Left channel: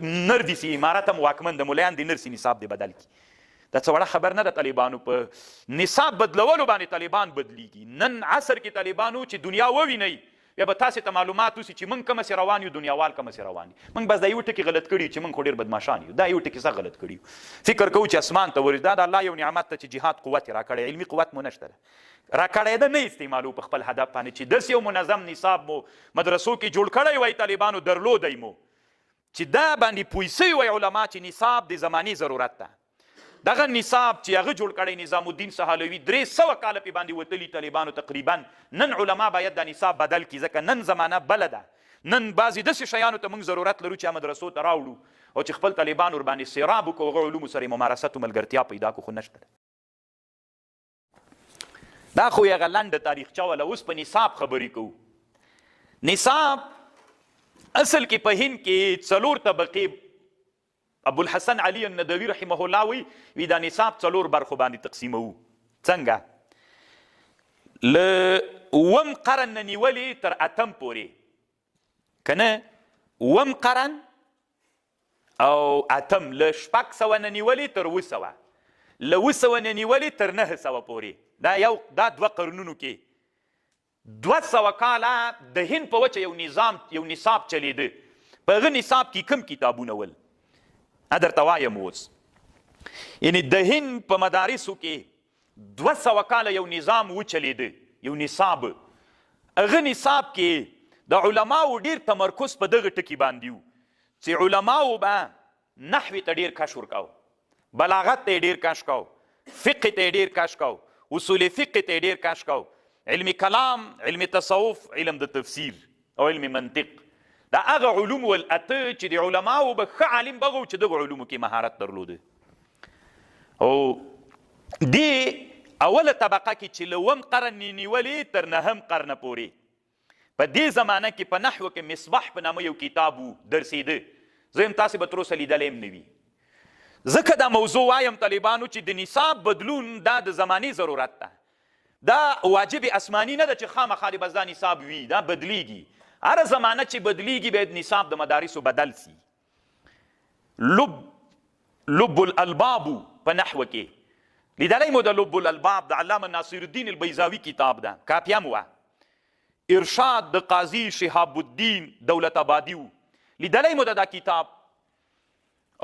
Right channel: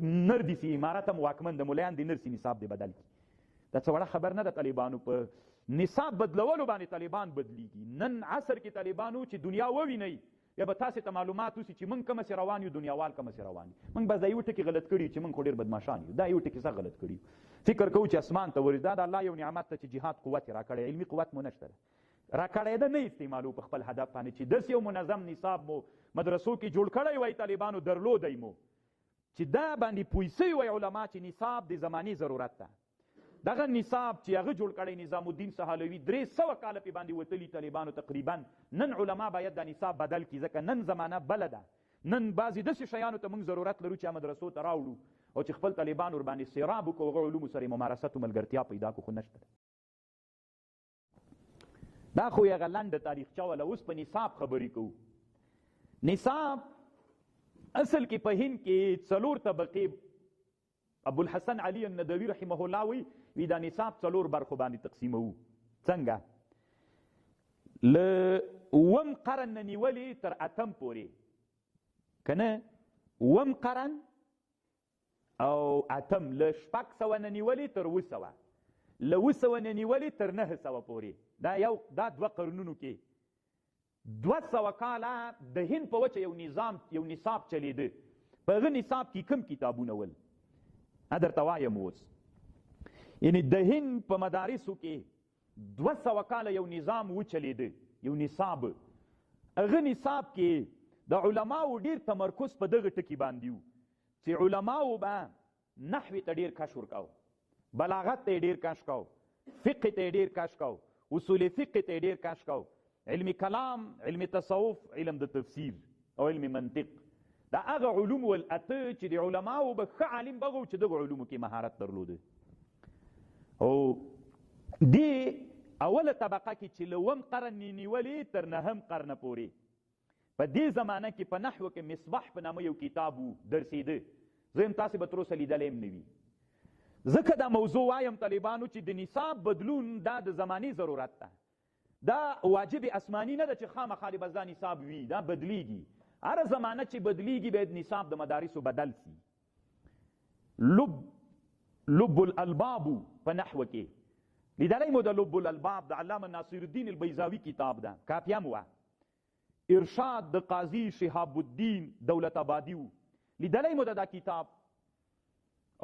نر دي سي امارت هم واکمن د ملایان دي نر سي نصاب دی بدل کی دا څه وړه خبر نه ده طالبانو په نصاب بدلولو باندې طالبان بدلیږي نن عصر کې طالبانو چې دنیا ووینئ بیا به تاسې ته معلومات وسي چې موږ کومسې روان یو دنیاوال کومسې روان یو موږ بس دا یو ټکي غلط کړي چې موږ خو ډېر بدماشان یو دا یو ټکي څه غلط کړي فکر کوو چې اسمان ته ورځي دا د الله یو نعمت ته چې جهاد قوت یې راکړی علمي قوت مو نشته ده راکړی ده نه استعمالو په خپل هدف باندې چې داسې یو منظم نصاب مو مدرسو کې جوړ کړی وای طالبانو درلودی مو چې دا باندې پوه سوي وای علما چې نصاب د زمانې ضرورت ده دغه نصاب چې هغه جوړ کړی نظام الدین سهالوي 300 کاله پې باندې وتلي طالبانو تقریبا نن علما باید دا نصاب بدل کړي ځکه نن زمانه بله ده نن بعضې داسې شیانو ته موږ ضرورت لرو چې مدرسو ته راوړو او چې خپل طالبان ورباندې سیراب وکړو هغه علومو سره یې ممارست و ملګرتیا پیدا کړو خو نشته دا خو یې هغه لنډه تاریخچه وله اوس په نصاب خبرې کوو نصاب اصل کې په هند کې 4 طبقې ابوالحسن علي الندوي رحمه الله وی دا نصاب 4 برخو باندې تقسیموو څنګه له 9 قرن نه نیولې تر 8 پورې که نه 9 قرن او 8 له 600 نه نیولې تر 900 له 900 نه نیولې تر 900 پورې دا 2 قرنونو کې 200 کاله د هند په وچه یو نصاب چلیده په هغه نصاب کې کوم کتابونه ول درته وایم اوس یعنې د هند په مدارسو کې 200 کاله یو نظام وچلیده یو نصاب هغه نصاب کې د علماو ډېر تمرکز په دغه ټکي باندې و چې علماو به نحوې ته ډېر کش ورکاو بلاغت ته یې ډېر کش کاو فقه ته یې ډېر کش کاو اصول فقه ته یې ډېر کش کاو علم کلام علم تصوف علم د تفسیر او علم منطق دا هغه علوم والاته چې د علماو به ښه عالم بغه و چې دغه علومو کې مهارت درلوده او دې اوله طبقه کې چې له 9 قرن نیولې تر 9 قرن پورې په دې زمانه کې په نحو کې مصباح په نامه یو کتاب و درسېده زه یم تاسې به تر اوسه لیدلی هم نه وي ځکه دا موضوع وایم طالبانو چې د نصاب بدلون دا د زمانې ضرورت ده دا واجب اسماني نه ده چې خامخا د بس دا نصاب وي دا بدلیږي هر زمانه چې بدلیږي باید نصاب د مدارسو بدل سي لب الالباب په نحو کې لیدلی مو د لب الالباب د علامه ناصر الدین البیضاوي کتاب ده کاپیم وه ارشاد د قاضي شهاب الدین دولت آبادي و لیدلی مو دا کتاب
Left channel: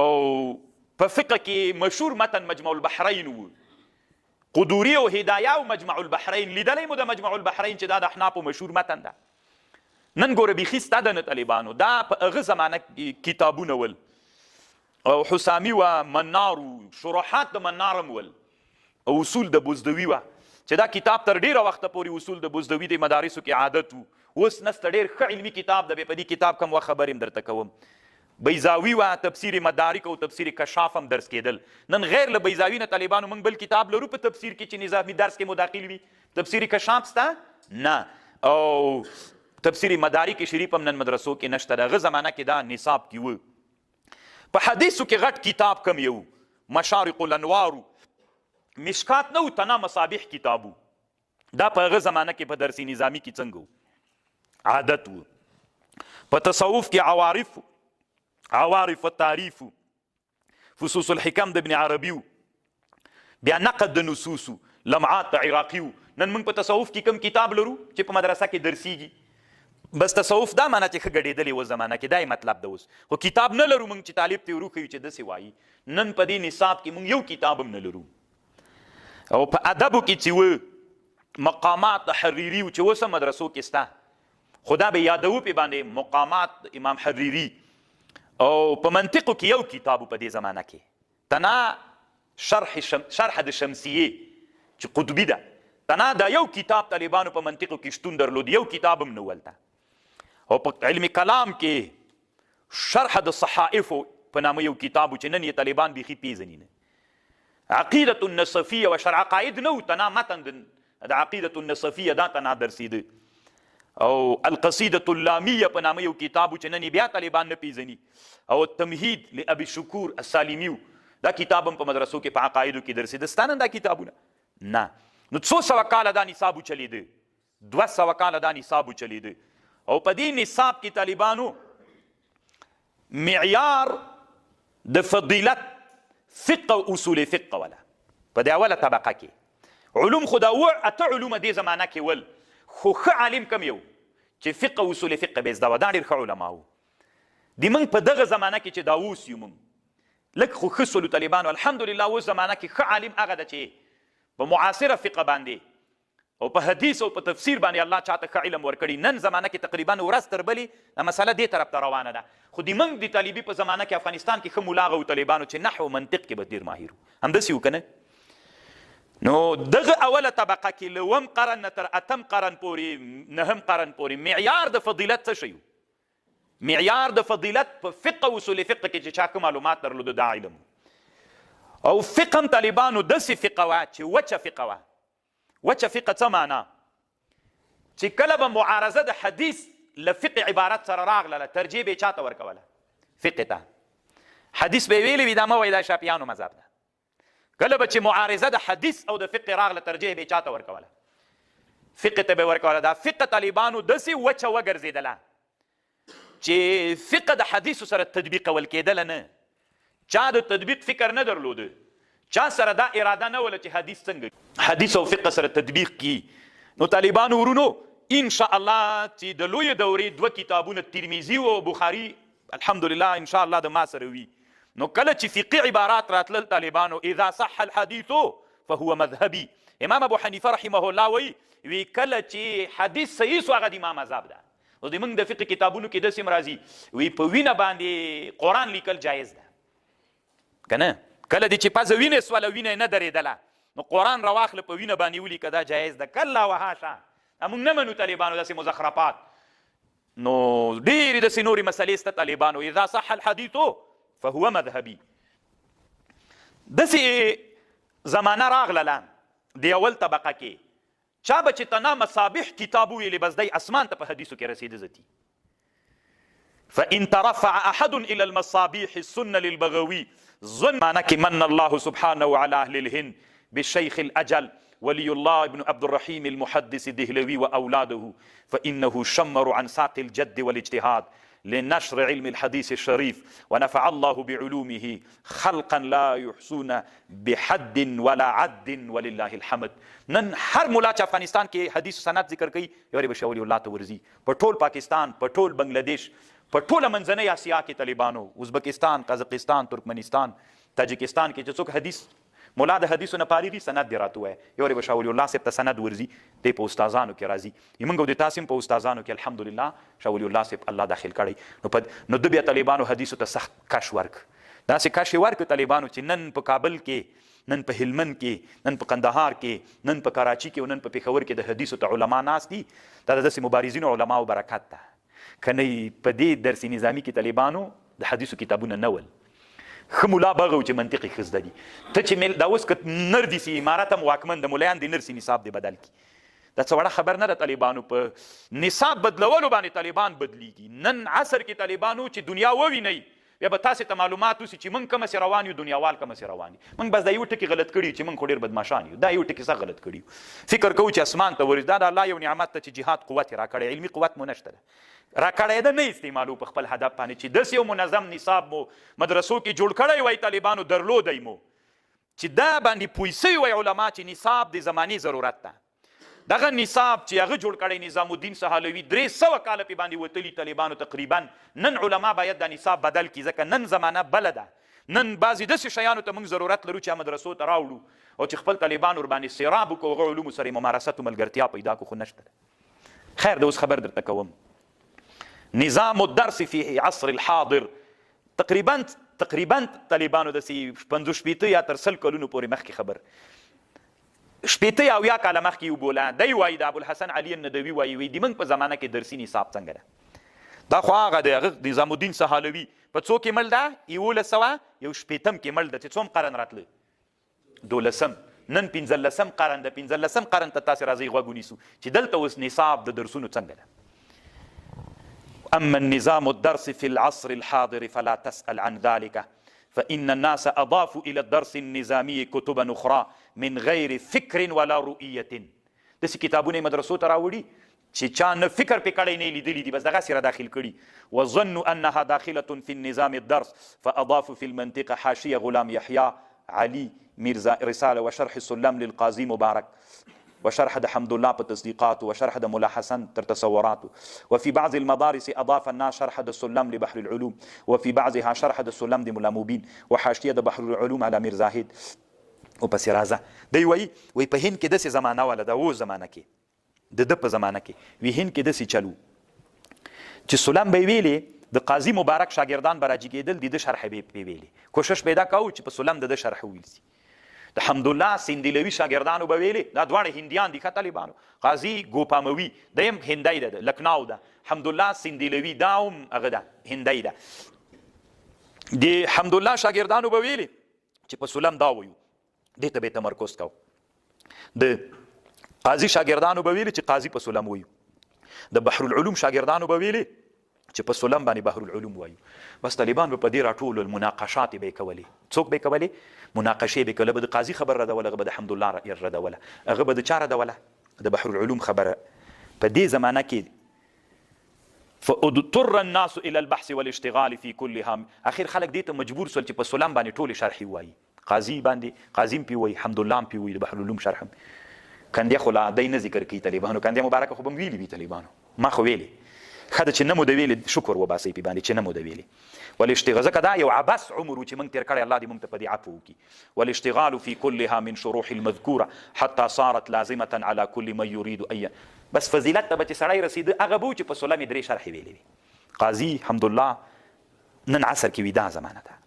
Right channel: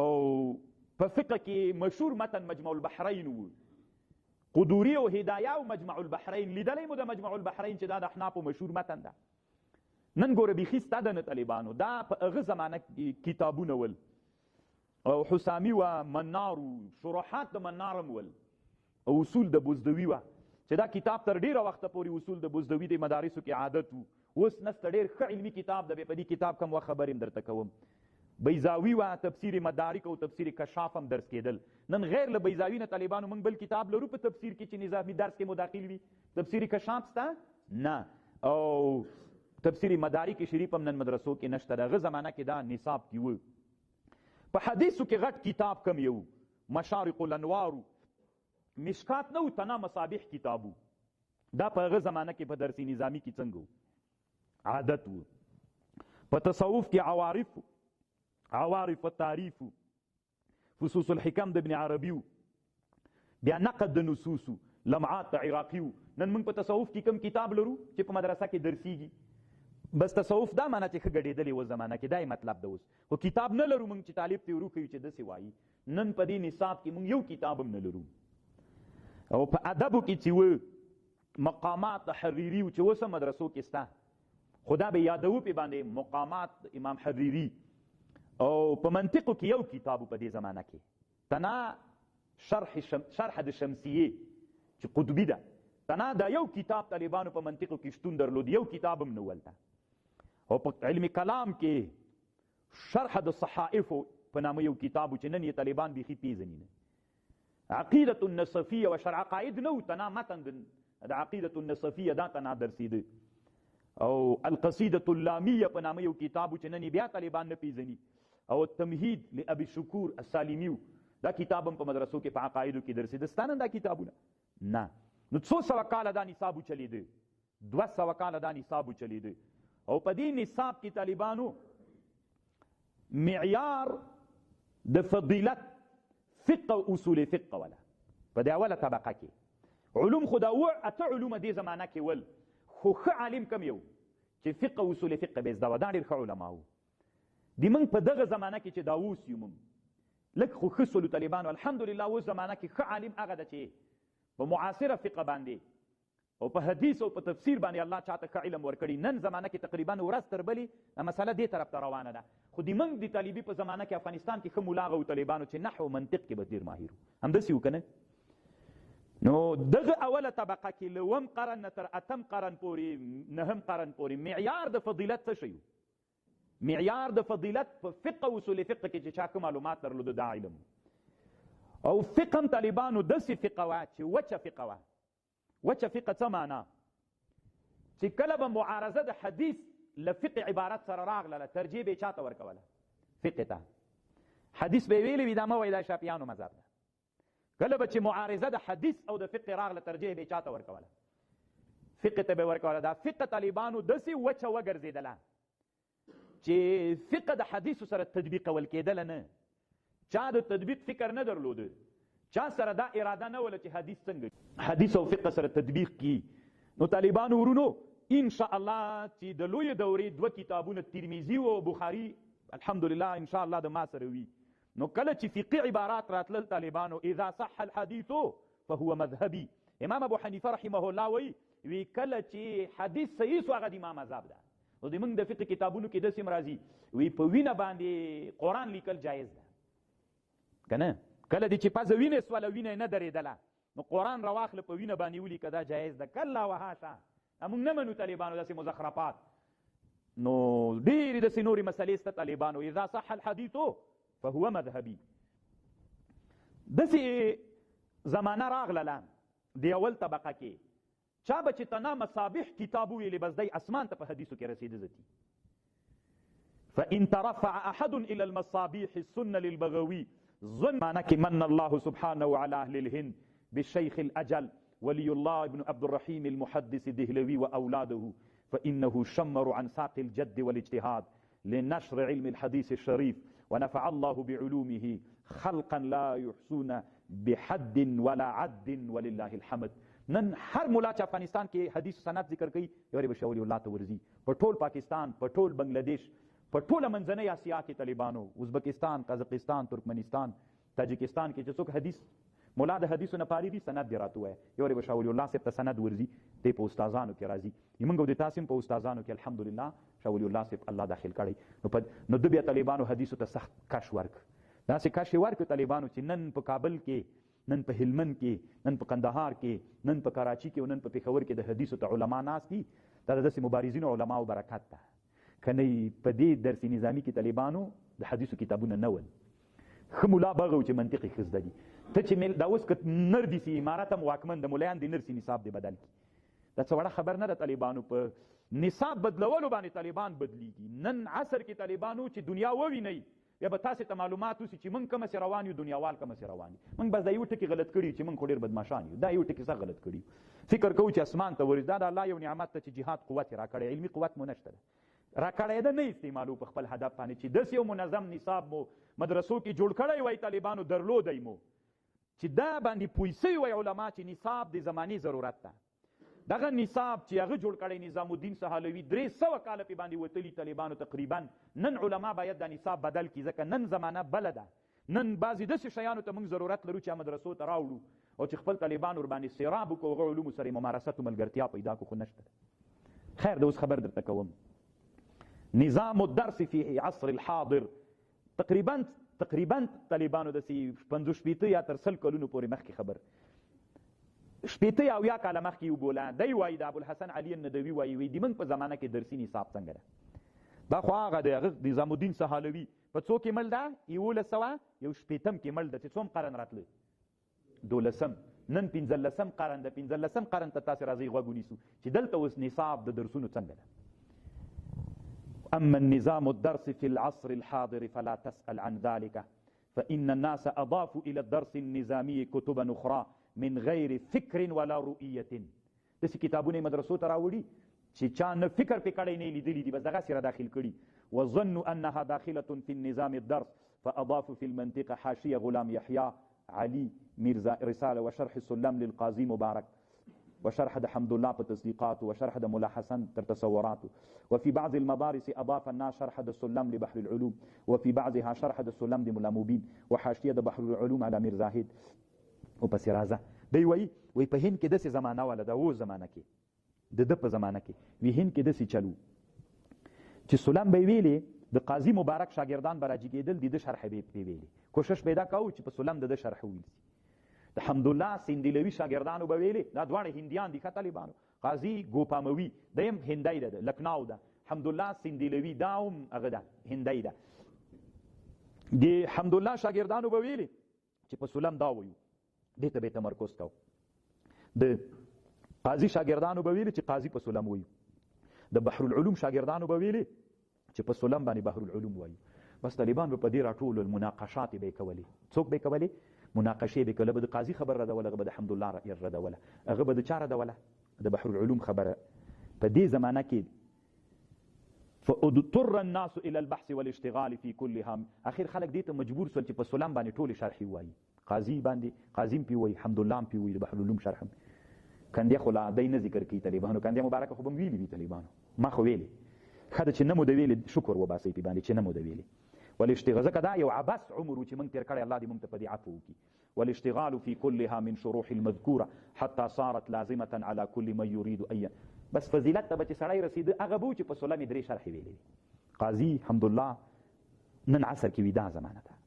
او په فقه کې مشهور متن مجمع البحرین و قدوري او هدایه او مجمع البحرین لیدلی مو د مجمع البحرین چې دا د احنافو مشهور متن ده نن ګوره بیخي ستا د نه طالبانو دا په هغه زمانه کتابونه ول او حسامي وه منار و شروحات د منار هم ول او اصول د بزدوي وه چې دا کتاب تر ډېره وخته پورې اصول د بزدوي د مدارسو کې عادت و اوس نسته ډېر ښه علمي کتاب ده بیا په دې کتاب کم وخت خبرې هم درته کوم بیضاوي وه تفسیر مدارک او تفسیر کشاف هم درس کېدل نن غیر له بیضاوي نه طالبانو موږ بل کتاب لرو په تفسیر کې چې نظامي درس کې مداخل وي تفسیر کشاف سته نه او تفسیر مدارک شریف هم نن مدرسو کې نشته د هغه زمانه کې دا نصاب کې و په حدیثو کې غټ کتاب کم یو مشارق الانوار مشکات نه و تنا مصابیح کتابو دا په هغه زمانه کې په درسي نظامي کې څنګه عادت و په تصوف کې عوارف التعریف فصوص الحکم د ابن عربي بیا نقد د نصوصو لمعات د عراقي نن موږ په تصوف کې کم کتاب لرو چې په مدرسه کې درسیږي بس تصوف دا معنی چې ښه ګډېدلې و زمانه کې دا یې مطلب ده اوس خو کتاب نه لرو موږ چې طالب ته وروښیو چې داسې وایي نن په دې نصاب کې موږ یو کتاب هم نه لرو او په ادبو کې چې و مقامات حریري و چې اوس هم مدرسو کې سته خو دا به یادوو پې باندې مقامات امام حریري او په منطقو کې یو کتاب په دې زمانه کې تنا شرح د شمسیې چې قطبي ده تنا دا یو کتاب طالبانو په منطقو کې شتون درلود یو کتاب هم نه ولته او په علم کلام کې شرح د صحائفو په نامه یو کتاب چې نن یې طالبان بیخي پیژني نه عقیدة النصفیه و شرع عقاید نه تنا متن د عقیدة النصفیه دا تنا درسیده او القصیدة اللامیه په نامه یو کتاب چې نن بیا طالبان نه پیژني او التمهید لابي شکور السالمیو دا کتاب هم په مدرسو کې په عقایدو کې درسیده ستا نن دا کتابونه نه نو 200 کاله دا نصاب چلیده 200 کاله دا نصاب چلیده او په دې نصاب کې طالبانو معیار د فضیلت فقه او اصول فقه ولا په دې اوله طبقه کې علوم خو دا اته علوم دې زمانه کې ول خو ښه عالم کم یو چې فقه او اصول فقه به زده و دا ډېر ښه علما وو د موږ په دغه زمانه کې چې دا اوس یو موږ لږ خو ښه سولو طالبانو الحمدلله اوس زمانه کې ښه عالم هغه ده چې په معاصره فقه باندې او په حدیث او په تفسیر باندې الله چاته ښه علم ورکړي نن زمانه کې تقریبا ورځ تر بلې دا مسله دې طرف ته روانه ده خو د موږ د طالبي په زمانه کې افغانستان کې ښه ملاغه و طالبانو چې نحو منطق کې به ډېر ماهر وو همداسې وو که نه نو دغه اوله طبقه کې له اووم قرن نه تر اتم قرن پورې نهم قرن پورې معیار د فضیلت څه شی و معیار د فضیلت په فقه او اصول فقه کې چې چا که معلومات درلوده دا علم او فقه هم طالبانو داسې فقه وه چې وچه فقه وه وچه فقه څه معنا چې کله به معارضه د حدیث له فقه عبارت سره راغله ترجیح به یې چاته ورکوله فقه ته حدیث به یې ویلي وي دا مه وایي دا شافعیانو مذهب ده کله به چې معارضه د حدیث او د فقه راغله ترجیح به یې چاته ورکوله فقه ته به ورکوله دا فقه طالبانو داسې وچه وګرځېدله چې فقه د حدیثو سره تطبیق کول کېدله نه چا د تطبیق فکر نه درلوده چا سره دا اراده نه وله چې حدیث څنګه حدیث او فقه سره تطبیق کی نو طالبانو ورونو ان شاء الله چې د لوی دورې دوه کتابونه ترمذي او بخاري الحمدلله ان شاء الله د ما سره وي نو کله چې فقهي عبارات راتلل طالبانو اذا صح الحديث فهو مذهبي امام ابو حنیفه رحمه الله وی کله چې حدیث صحیح سو هغه د امام مذهب ده او د موږ د فقه کتابونو کې داسې مرازي وی په وینه باندې قرآن لیکل جایز ده که نه کله دې چې پزه وینې سوله وینه نه درېدله نو قرآن راواخله په وینه باندې ولیکه دا جایز ده کله وهاشه موږ نه منو طالبانو داسې مزخرفات نو ډېرې داسې نورې مسلې شته طالبانو اذا صح الحديث فهو مذهبي داسې زمانه راغلله د اول طبقه کې چا به چې تنا مصابیح کتاب ویلې بس دی اسمان ته په حدیثو کې رسېده ځتي فإن ترفع أحد إلى المصابيح السنة للبغوي ظن معناك من الله سبحانه على أهل الهند بالشيخ الأجل ولي الله ابن عبد الرحيم المحدث الدهلوي وأولاده فإنه شمر عن ساق الجد والاجتهاد لنشر علم الحديث الشريف ونفع الله بعلومه خلقا لا يحصون بحد ولا عد ولله الحمد نن هر مولا چې افغانستان کې حدیث سند ذکر کوي یوري بشاوري الله ته ورزي په ټول پاکستان په ټول بنگلاديش په ټوله منځنۍ اسیا کې طالبانو ازبکستان قزاقستان ترکمنستان تاجکستان کې چې څوک حدیث مولا د حدیثو نه پارېږي سند دې راته وایي یورې به شاه ولی الله صاحب ته سند ورځي دی په استادانو کې راځي موږ د تاسو په استادانو کې الحمدلله شاه ولی الله صاحب الله داخل کړی نو د بیا طالبانو حدیثو ته سخت کش ورک داسې کش یې ورک طالبانو چې نن په کابل کې نن په هلمند کې نن په قندهار کې نن په کراچي کې او نن په پېښور کې د حدیثو ته علما ناست دي دا د داسې مبارزینو علماو برکت ده کنه په دې درسي نظامي کې طالبانو د حدیثو کتابونه نه ول ښه ملا بغه و چې منطقي ښه زده دي ته چې دا اوس که نر دي سي امارت هم واکمن د ملیان د نر سي نصاب دی بدل کړي دا څه وړه خبر نه ده طالبانو په نصاب بدلولو باندې طالبان بدلیږي نن عصر کې طالبانو چې دنیا ووینئ بیا به تاسې ته معلومات وسي چې موږ کومسې روان یو دنیاوال کومسې روان دي موږ بس دا یو ټکي غلط کړي چې موږ خو ډېر بدماشان یو دا یو ټکي څه غلط کړي فکر کوو چې اسمان ته ورځي دا د الله یو نعمت ته چې جهاد قوت یې راکړی علمي قوت مو نشته ده راکړی ده نه استعمالو په خپل هدف باندې چې داسې یو منظم نصاب مو مدرسو کې جوړ کړی وای طالبانو درلودی مو چې دا باندې پوه سوي وای علما چې نصاب د زماني ضرورت ده دغه نصاب چې هغه جوړ کړی نظام الدین سهالوي 300 کاله پې باندې وتلي طالبانو تقریبا نن علما باید دا نصاب بدل کړي ځکه نن زمانه بله ده نن بعضې داسې شیانو ته موږ ضرورت لرو چې مدرسو ته راوړو او چې خپل طالبان ورباندې سیراب وکړو هغه علومو سره یې ممارست او ملګرتیا پیدا کړو خو نشته خیر د اوس خبر درته کوم نظام الدرس في عصر الحاضر تقریبا طالبانو داسې 50 یا تر 100 کلونو پورې مخکې خبر شپېته یا اویا کاله مخکې وبوله دی وایي د ابوالحسن علي الندوي وایي د موږ په زمانه کې درسي نصاب څنګه ده دا خو هغه د هغه نظام الدین سهالوي په څو کې مل ده 1100 کې مل ده چې څوم قرن راتله 12 نن 15 قرن ده 15 قرن ته تاسې راځئ غوږ ونیسو چې دلته اوس نصاب د درسونو څنګه ده اما النظام الدرس في العصر الحاضر فلا تسأل عن ذلك فإن الناس أضافوا إلى الدرس النظامي كتبا أخرى من غير فكر ولا رؤية داسې کتابونه مدرسو ته راوړي چې چا نه فکر پې کړی نه لیدلی دي بس دغسې را داخل کړي وظنوا انها داخله في النظام الدرس فاضافوا في المنطقه حاشيه غلام يحيى علي میرزا رساله وشرح السلم للقاضي مبارك وشرح د حمد الله په تصدیقات وشرح د ملا حسن تر تصورات وفي بعض المدارس اضاف الناس شرح د السلم لبحر العلوم وفي بعضها شرح د السلم د ملا مبين وحاشيه د بحر العلوم على میر زاهد وپسې راځه دی وایي په هند کې داسې زمانه وله د اوس زمانه کې د ده په زمانه کې وی هند کې داسې چلو چې سلم به یې ویلې د قاضي مبارک شاګردان به راجګېدل د ده شرح به یې ویلې کوشش پیدا کوو چې په سلم د ده شرح وویل سي د حمدالله سندلوي شاګردانو به ویلې دا دواړه هندیان دي ښه طالبانو قاضي ګوپاموي دا هم هندی ده لکناو ده حمدالله سندلوي دا هم هغه ده هندی ده د حمدالله شاګردانو به ویلې چې په سلم دا وایو دې ته به یې تمرکز کوو د قاضي شاګردانو به ویلې چې قاضي په سلم وایو د بحر العلوم شاګردانو به ویلې چې په سلم باندې بحر العلوم وایو بس طالبان به په دې راټولو المناقشات به یې کولې څوک به یې کولې مناقشې به کله به د قاضي خبر ردوله هغه به د حمدالله ردوله هغه به د چا ردوله د بحر العلوم خبره په دې زمانه کې فاضطر الناس الى البحث والاشتغال في كلها اخر خلک دې ته مجبور سول چې په سلم باندې ټولې شرحې وایي قاضي باندې قاضي هم پې وایي حمدالله هم پې وایي د بحر العلوم شرح هم کندې خو لا دی نه ذکر کوي طالبانو کندې مبارکه خو به م ویلي وي طالبانو ما خو ویلې ښه ده چې نه مو د ویلې شکر وباسئ پې باندې چې نه مو د ویلې والاشتغال ځکه دا یو عبس عمر و چې موږ تېر کړی الله دې موږ ته په دې عفو وکړي والاشتغال في كلها من شروح المذکوره حتى صارت لازمه على كل من يريد ان بس فضیلت ته به چې سړی رسېده هغه به و چې په سلم یې درې شرحې ویلې وي قاضي حمدالله نن عصر کې وي دا زمانه ده